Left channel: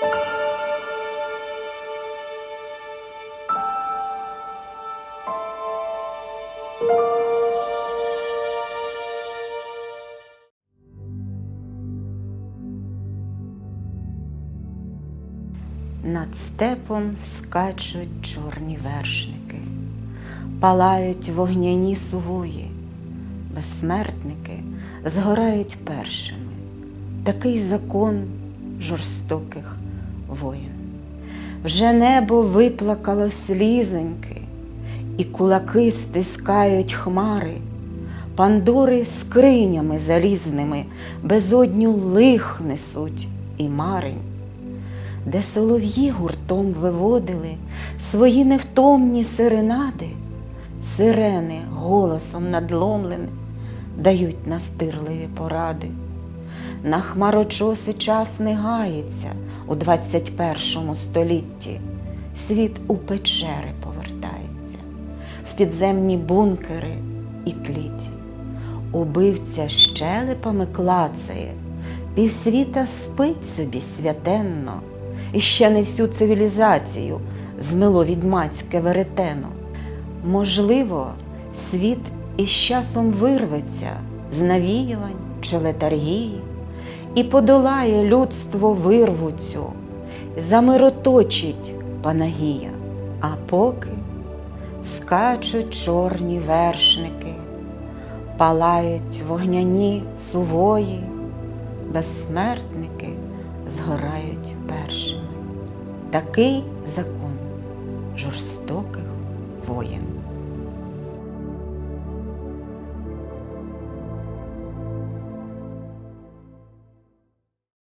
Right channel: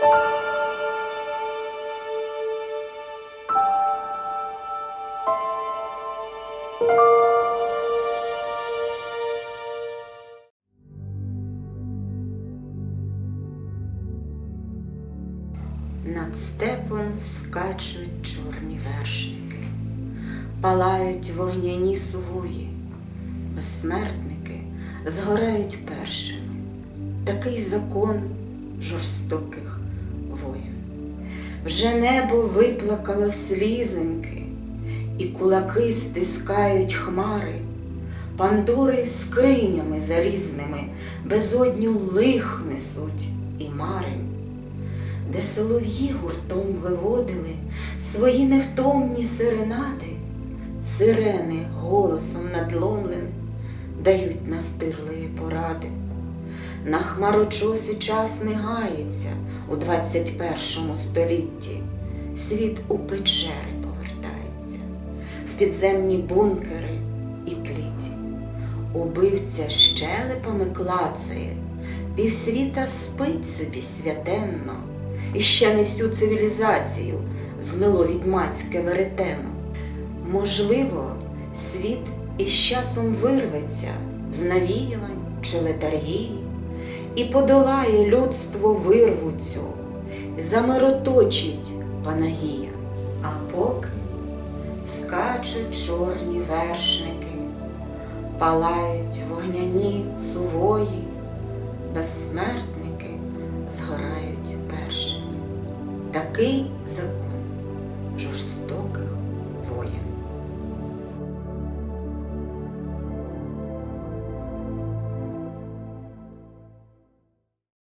Над степом скачуть чорні вершники, палають вогняні сувої, безсмертники згорають першими. Такий закон жорстоких воїн. Вже небо виплакало слізоньки, і кулаки стискають хмари, пандури скринями залізними безодню лих несуть і мари де солов'ї гуртом виводили свої невтомні серенади, сирени голосом надломленим дають настирливі поради. На хмарочоси час не гається у 21 столітті, світ у печери повертається, в підземні бункери і кліті. Убивця щелепами клацає, півсвіта спить собі святенно, і ще не всю цивілізацію змило відьмацьке веретено. Можливо, світ із часом вирветься з навіювань чи летаргії і подолає людство вирву цю, замироточить Панагія, а поки скачуть чорні вершники, палають вогняні сувої, безсмертники згорають першими. Такий закон жорстоких воїн.